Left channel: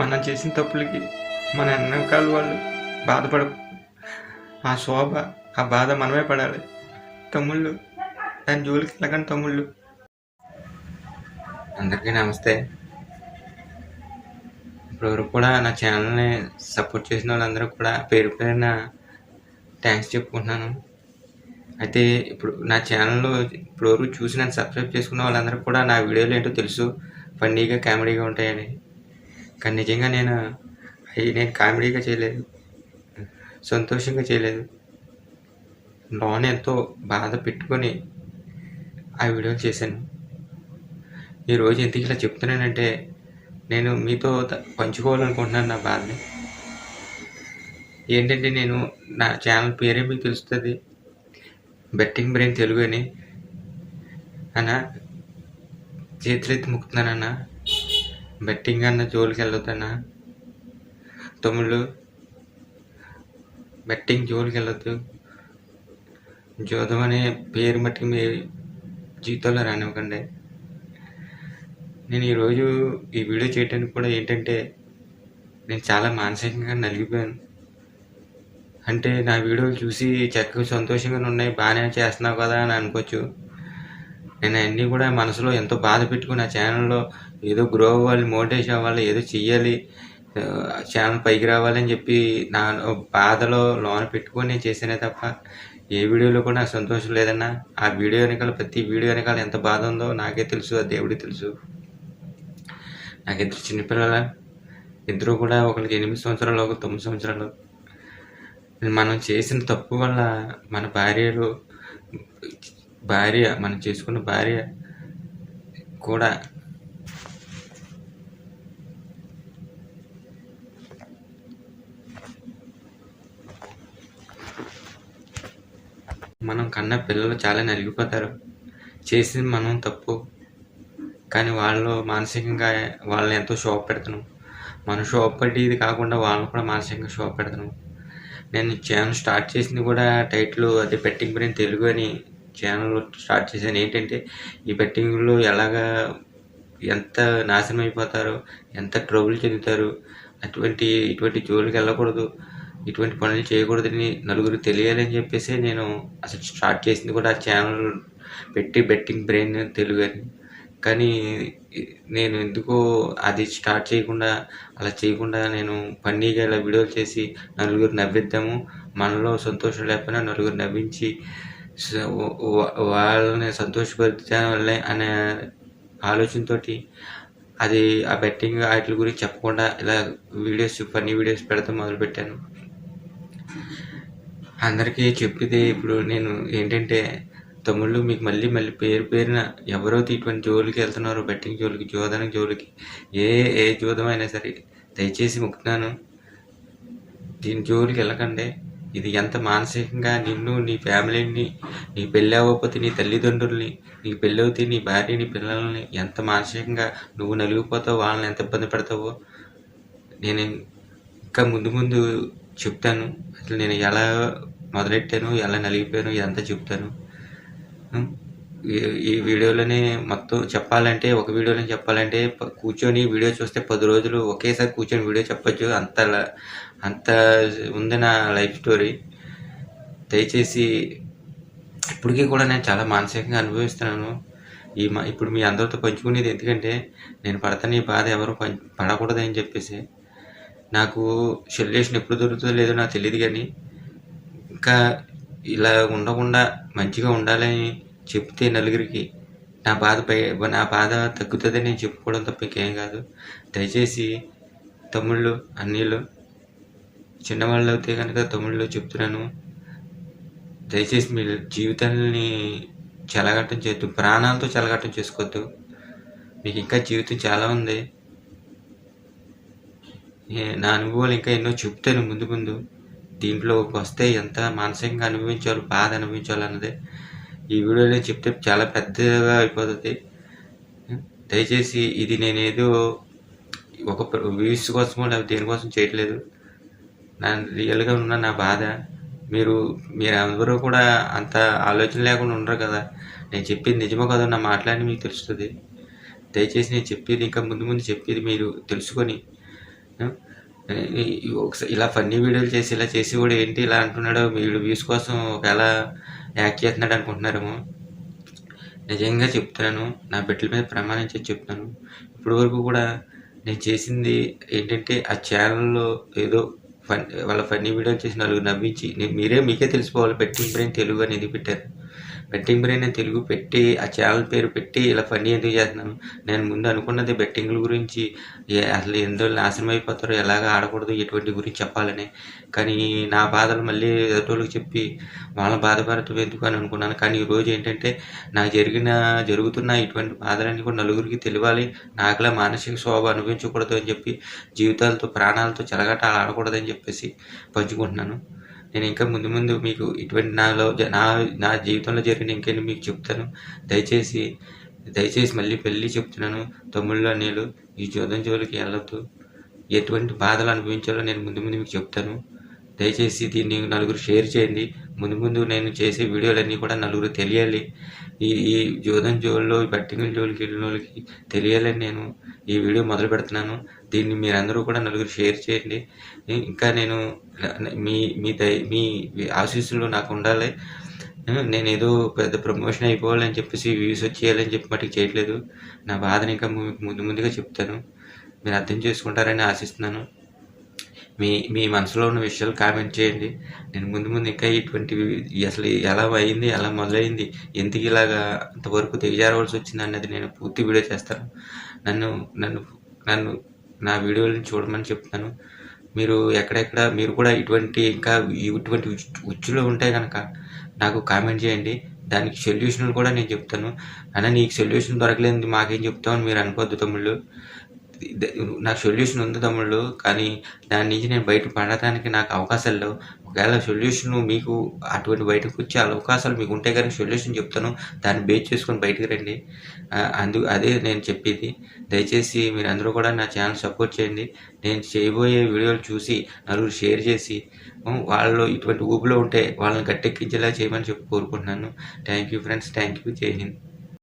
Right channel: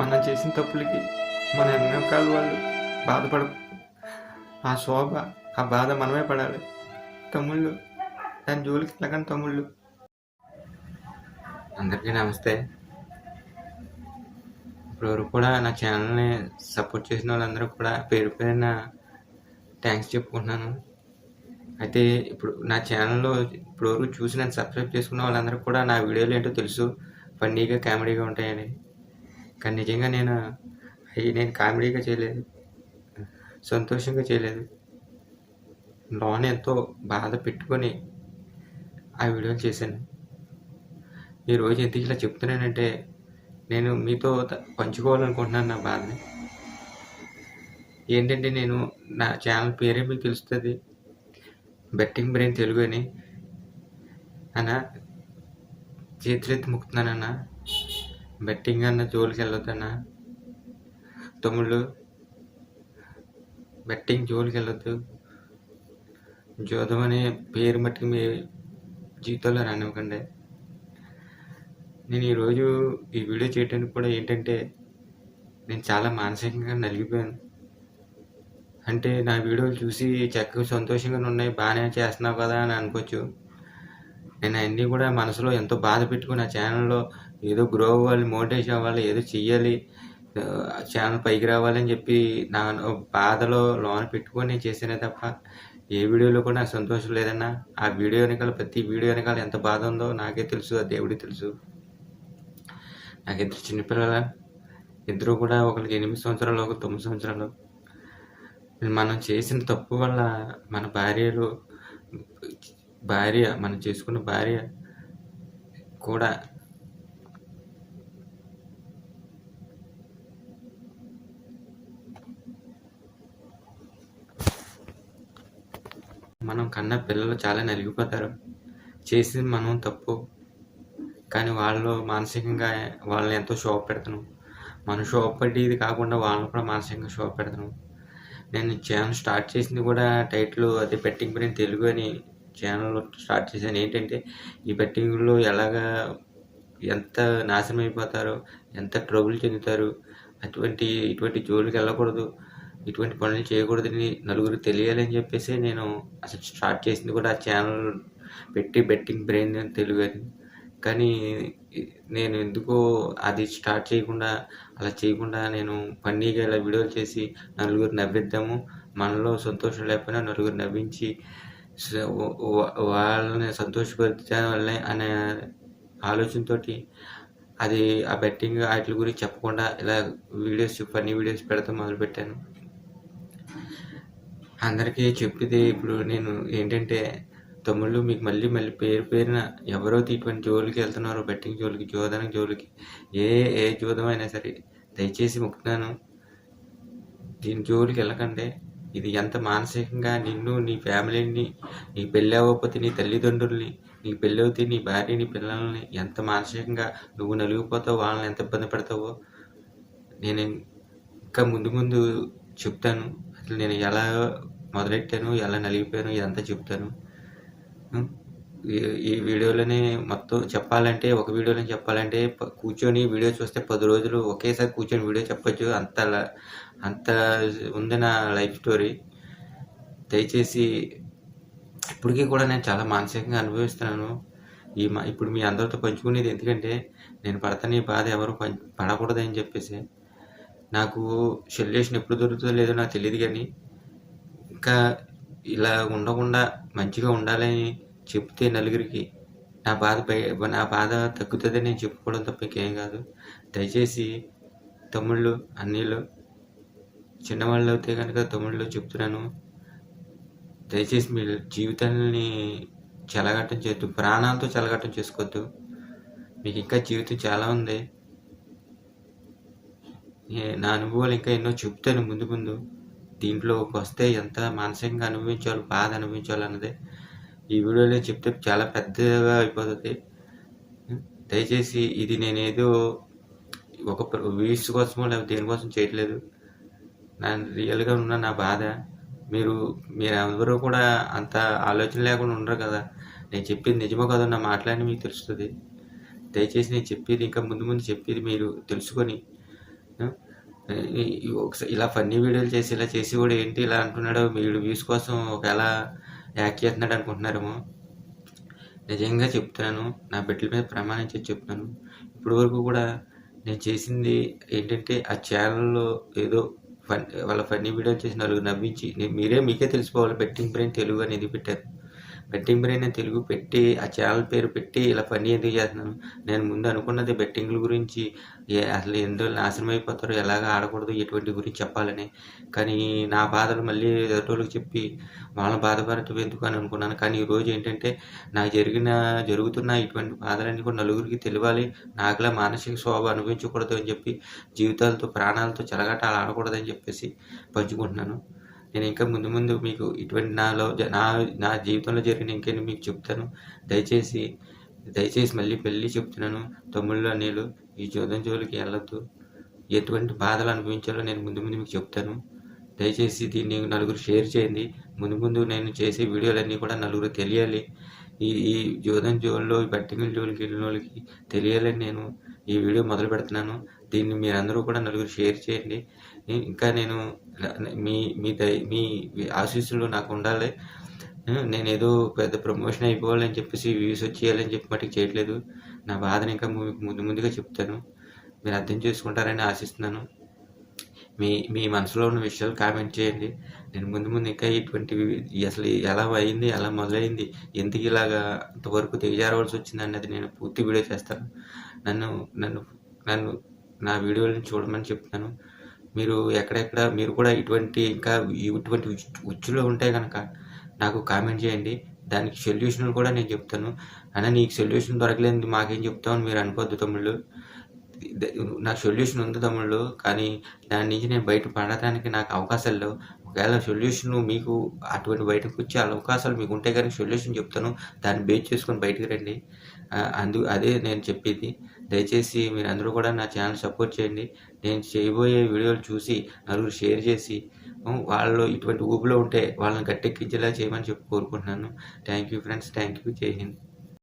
మనం చేసిన తప్పులకి మన వెనకాల వాళ్ళు బాధపడ ఆ శోభ ఆ బాధ మనమే పడాలి. తమ్ముళ్ళు దాని జోలికి వెళ్ళకండి తమ్ముళ్ళు. అందరికీ నమస్తే. ఇప్పటివరకు కూడా నా ఛానల్ని సపోర్ట్ చేసిన వాళ్ళందరూ కూడా పేరు పేరున థ్యాంక్స్ చెప్పుకుంటున్నాను. అయితే ఇప్పుడు నా ఛానల్లో ఇప్పటివరకు చూసి నన్ను సబ్స్క్రైబ్ చేసుకున్న వాళ్ళందరూ కూడా నా వీడియోలు ఏంటో తెలుసు, ఫన్నీగా కామెడీగా ఉంటాయని. కానీ నిజంగా నేను కామెడీగా చేయలేదు, సంతోషంగా చేయలేదు. లోన ఎంతో బాధ పెట్టుకొని ఆ వీడియోలు చేశాను. ఈరోజు ఎందుకు ఇలా చెప్తున్నానంటే నేను మీతో పంచుకోవాలనుకుంటున్నాను నా బాధని. ఏంటంటే నేను నా ఛానల్ పేరే మీకు తెలుస్తుంది, బెట్టింగ్ బ్రెయిన్ తెలుగు అని. అన్నా చేతులెత్తి ముక్కుతున్నానన్నా, బెట్టింగ్ అన్న జోలికి వెళ్ళొద్దన్నా. తమ్ముళ్ళు బెట్టింగ్ జోలికి వెళ్ళొద్దు. జోదం అనే పేరు మట్టుకు మీ జీవితంలో రానివ్వకండి. నేను ఈరోజు ఈ వీడియో చేయడానికి కూడా ఏంటంటే నేను చాలా మానసికంగా నలిగిపోయాను. అంటే నా వీడియోలు చూసి చక్కగా సంతోషంగా ఉన్నాయి, బాగానే చేస్తున్నావు కదా అని అనుకోవచ్చు. నేను అన్నీ కూడా మనసులో ఎంతో బాధ పెట్టుకుని ఆ ఛానల్లో ఏదో గ్రో అవ్వాలి, మోటివేషన్ అవ్వాలి, ఏదో చెయ్యాలి, ఛానల్ పైకి రావాలని చెప్పి నా బాధలో లోన పెట్టుకొని చేసానే తప్ప ఏ వీడియోలో కూడా నాకు సంతోషం లేదన్నా. ఆ వీడియో వెనకాల ప్రతి వీడియో వెనకాల ఎంత బాధ ఉందో నాకే తెలుసు, ఆ దేవుడికి తెలుసు. నాకు ఇద్దరు చిన్నపిల్లల, ఇద్దరు కూడా ఒకరికి 8 సంవత్సరాలు, ఒకరికి 9 సంవత్సరాలు. మనం చేసిన తప్పు వల్ల మన మనం చేసుకున్న భార్య కూడా మనం కన్నా పిల్లలు చాలా నలిగిపోతారు. చేసింది మనం తప్పు, కానీ వాళ్ళు మానసికంగా వాళ్ళని ఎంతో శోభ పెడుతున్నాం. మనం శోభ పడేది కాకుండా వాళ్ళని కూడా మానసికంగా శోభ పెడుతున్నాం. నేను ఛానల్ స్టార్ట్ చేసింది కూడా టైటిల్ అదే బెట్టింగ్ బ్రెయిన్ తెలుగు అని ఛానల్ స్టార్ట్ చేశాను. ఏంటంటే ఈ బెట్టింగ్లో ఎంత నాశనం అయిపోతారో, ఎంత ట్రబుల్ చెందుతారు, ఇటువంటి జోలికి వెళ్ళకూడదు, ఇటువంటి పనులు చేయకూడదని నలుగురు తెలియాలని చెప్పేసి నేను అసలు స్టార్ట్ చేసింది కూడా ఆ ఛానల్ పెట్టి బెట్టింగ్ బ్రెయిన్ తెలుగు అని. కానీ నేను ఎందుకో అది స్టార్ట్ చేయకుండా నేను ఫన్నీగా ఇలా వీడియోలు చేసి నలుగురు నవ్విద్దాము, మనలో సంతోషం లేకపోయినా నలుగురు నవ్వించి వాళ్ళని సంతోషపరిచాలే అనే ఆలోచనతో అది ఆ బెట్టింగ్ వాటి గురించి చెప్పకుండా ఇలా ఫన్నీ వీడియోస్ పెడతాం మొదలుపెట్టాను. అందరికీ చెప్పేది ఇప్పుడు నేను ఏంటంటే, తమ్ముళ్ళు మీకు మళ్ళీ పేరున ఎవరైతే ఇటువంటి జోలికి వెళ్తున్నారో, బెట్టింగ్ జోలికి, జోదానికి జోలికి, ఏ జోదం అయినా సరే దయచేసి మొక్కుతున్నాను, దీని జోలికి వెళ్ళకండి. ఇది ఎంత మానసికంగా నిన్ను, నీ ఫ్యామిలీని, నీ పెళ్ళి అవ్వకపోతే నీ తల్లిదండ్రుల్ని, నీకు పెళ్ళి అవుతే నీ భార్య, నీ పిల్లల్ని ఎంత మానసికంగా నువ్వు నలిగిపోతావు, వాళ్ళని ఎంత ఇబ్బంది పెడతావో నేను ఇంకా ముందు చెప్తాను. అసలు నేను ఎలా మొదలెట్టాను, ఎలా నలిగిపోయాను ఇదంతా చెప్తాను. ఈ వీడియోలోనే మొత్తం చెప్పాలంటే, ఒక వీడియోలో చెప్పాలంటే కూర్చొని వీడియో చూస్తే 10 రోజులు ఒకేసారి కూర్చొని వీడియో చెప్పచ్చు, అంత ఉంది నా లైఫ్ స్టోరీ. దయచేసి ఇప్పటికీ కూడా నేను చాలా మానసికంగా అనుభవిస్తున్నాను. ఇప్పుడు మీ అందరితో పంచుకునేది ఎందుకంటే, నేను పడతాను ఈ బాధ ఎవరు పడకూడదని చెప్పేసి. నాకు సొల్యూషన్ ఎప్పుడు దొరుకుతుందో లేదో నాకు తెలియదు, కానీ ఇంకా ఇలా ఉండకుండా మంచిగా ఉండాలని చెప్తే నలుగురికి నా బాధ తగ్గుతుందని నేను చెప్పుకోవడం తప్ప ఇంకేం కాదు. దయచేసి తమ్ముళ్ళు, అన్నీళ్ళు, చిన్నవాళ్ళు అయితే కనుక తమ్ముళ్ళు చెప్తున్నాను, దయచేసి మీ జీవితాన్ని చెలగట్టం చేయొద్దు, ప్రాణాలతో చెలగట్టం చేసుకోవద్దు. మీకు ఇంకా జీవితం చాలా ఉంది. నా అనుభవాలు ఇంకా ఎన్నో చెప్తాను ముందు. దీంట్లో వస్తే ఎంత మానసికంగా అనుభవించాలో, బాధ అనుభవించాలో అన్నది ఈ వీడియోలో చెప్తే చాలా పెద్దగా అయిపోతుంది. దయచేసి ఇది నేనేదో ఒక వ్యూస్ కోసమో లేదా దేనికోసం చేయట్లేదు. నా రియల్గా ఉన్న నా బాధ మీరు ఎవరూ కూడా అంత ఆలోచన లేకుండా ఉండరు కదా. నేను చెప్పేది నిజమో కాదో నా మాట్లాడి మీకు తెలుస్తుంది. దయచేసి నేను చెప్పేది ఇంకా ముందు చెప్పేది మీరు తెలుసుకొని హ్మ్. ఇలా ఫన్నీ వీడియోలు చేసి ఇలా చేసి కూడా ఏంటి ఇలా అంటున్నాడు వీడు వ్యూస్ కోసం ఒకవేళ యాక్ట్ చేస్తున్నాడు అనుకుంటున్నారేమో. నిజంగా చెప్తున్నాను. నా బిడ్డల మీద ప్రమాణం చేసి చెప్తున్నాను. ఇప్పటి వరకు కూడా నేను చేసింది ఏంటంటే ఆ ఛానల్‌లో ఏదో వాళ్ళ ఫన్నీ వీడియోలు చేసి నలుగురు నవ్వించి మీకే తెలిసిపోవాలి బెట్టింగ్ బ్రెయిన్ తెలుగు అని ఎందుకు పెట్టారు. బెట్టింగ్ బ్రెయిన్ అని తెలుగు పెట్టి ఆ ఛానల్ పేరు పెట్టి ఇలా ఫన్నీ ఎందుకు చేస్తున్నాను. నేను ముందు అనుకున్నది బెట్టింగ్ల గురించి అసలు ఎందులో నాశనం అయిపోతారో ఎలాగ ఆడకూడదు ఎటువంటి గురించి చెప్పాలని. కానీ నా బాధలు మళ్ళీ ఎదుటోళ్ళకి చెప్పి వాళ్ళని బాధపడటం ఎందుకు అని అనుకున్నాను. కానీ ఈరోజు ఏంటంటే నాకు జరుగుతున్న ఇటువంటి బాధలన్నీ కూడా నలుగురికి తెలియాలి. నాకులా మానసిక క్షోభ అనుభవించకూడదు అని చెప్పి జీవితాలతో ప్రాణాలతో చెలగాటాలు ఆడకూడదని చెప్పేసి పంచుకుంటున్నాను. నేను ఇంకా ముందు ముందు మీకు ఇటువంటి నా నా జీవితంలో జరిగిన ఇంకేంటి మీకు చెప్తాను. దయచేసి మళ్ళీ చెప్తున్నాను. తమ్ముళ్ళు అన్నీలు ఈ జూదం జోలికి వెళ్ళొద్దు. ఎటువంటి బాధలు అనుభవించాలో నేను ముందు మీకు చెప్తాను. దయచేసి దీన్ని నలుగురు షేర్ చేయండి. ముందు నేను చేసే వీడియోలన్నీ కూడా నలుగురు తెలియాలి. ఈ జూదం జోల్లో ఈ బెట్టింగుల జోలికి వెళ్ళినోళ్ళకి తెలియాలని నేను ఈ వీడియో మొదలు పెడుతున్నాను. దీన్ని మీరందరూ కూడా నలుగురు షేర్ చేయండి. ఇంకా నేను మీ ఆశీస్సులు నాకు ఉండాలి. నేనేదో పెద్ద ప్రమోషన్ అయిపోవాలని చెప్పేసి వ్యూస్ వచ్చేయాలని చెప్పి మటుకు చేయట్లేదు. నా బాధని ఇంకా ముందుగా చెప్తాను. మీరు అర్థం చేసుకుంటారని ఆశిస్తున్నాను. మీ మనసులో ఉన్న విషయాలు కామెంట్ చేయండి. నేను ముందు ఇంకా ఇటువంటివి అసలు ఎలా అయింది, ఎలా మొదలైంది, ఎందుకు ఇలాగా అంతవరకు దిగజారవలసి వచ్చింది అన్నది నేను పూర్తి వీడియో చేస్తాను. నన్ను నన్ను నా వీడియోలను చూడమని చెప్తాను. మీరు మీరు కూడా ఇటువంటి ఉచ్చులో ఉంటే కనుక నాకు కామెంట్ చేయండి. దానికి సొల్యూషన్ కూడా నేను చెప్తాను. అయినా నీకు సొల్యూషన్ దొరకలేనిది మాకేం చెప్తామని మీరు అనుకోవద్దు తమ్ముళ్ళు. నాకు సొల్యూషన్ ఉంది తమ్ముళ్ళు. కానీ దాని నుంచి నేను బయట పడటానికి నాకు అవకాశాలు లేవు. ఒకవేళ సొల్యూషన్ మీకు అటువంటి బయటకు వచ్చే అవకాశాలు మీకు ఉంటే కనుక సొల్యూషన్ చెప్తాను. దాన్ని బేస్ చేసుకొని బయటకు రండి. అదే నేను చెప్పేది. దయచేసి మీరందరూ కూడా నా ఛానల్ సపోర్ట్ చేయండి. నేను చేయబోయే వీడియోలు చూసి నలుగురు షేర్ చేసి వాళ్ళు ఇటువంటి ఊపులో ఉంటే వాళ్ళని గట్టెక్కించేలా చేయమని కోరుకుంటున్నాను. Thank you friends. Thank you. జై హింద్.